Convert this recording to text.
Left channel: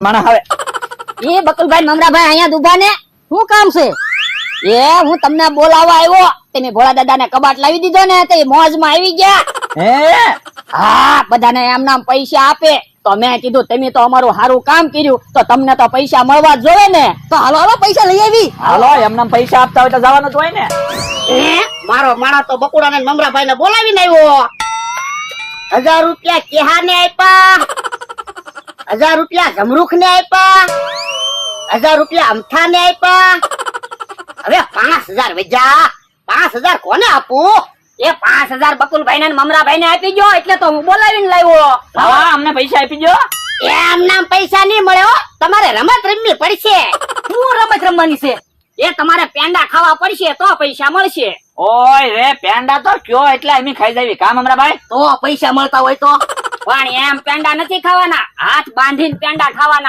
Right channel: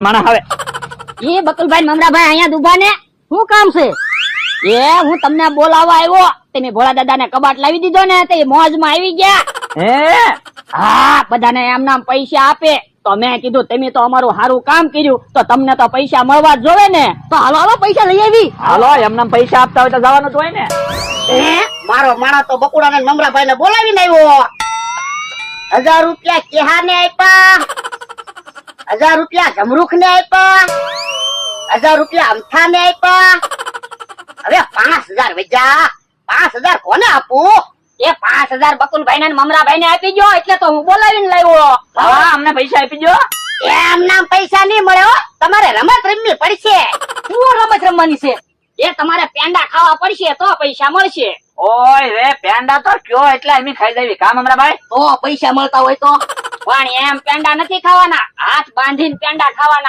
માણા હવે એ બકુલભાઈ મમરાભાઈ અહીંયા ઉભા ને શું કામ છે? એ હું તમને બોલાવવા આવ્યો, તમે ભોળા દાદા ને કબાટ લાવી દીધો ને તે મોજ માં આવી ગયા. હે હા, બધાને એમ નામ પૈસા આપે તો મેં કીધું તમે તો અમારું સારું કામ કર્યું તો તમને તો પૈસા મળવા જ જોઈએ ને. તો હાલો હાલો પૈસા લઈ આવી. હાલો એમને પૈસા આપતા હોય તો જવાનું જ હોય ને. મારો માણા તો બકુડા ને મમરાભાઈ ને બોલાવીને આવ્યો. 1000 રૂપિયા કેહા ને આપ્યા, 1000 રૂપિયા જમરૂખ ને આપ્યા, 1000 રૂપિયા અમથા ને આપ્યા. હવે 5000 વેજા. 5000 કોને આપું? એ 5000 બકુલભાઈ ને મમરાભાઈ ને આપી ગયો એટલે તો હું બોલાવીને લાવ્યો. હા અમને પૈસા આપી દો. એમ નામ પૈસા નહીં મળે હો. તમારે રમત રમવી પડશે. શું રમત રમવાની છે? એ તમારે પેંડા ખાવા પડશે તો પૈસા મળશે. ઓય રે પેંડા તો કયો એટલે અમે ખાઈ જાવી કામ હમણાં ભાઈ. તો પૈસા મળતા હોય તો પણ એમ પેંડા નથી ખાવાના, હાથ બાંધીને પેંડા ખાવાના.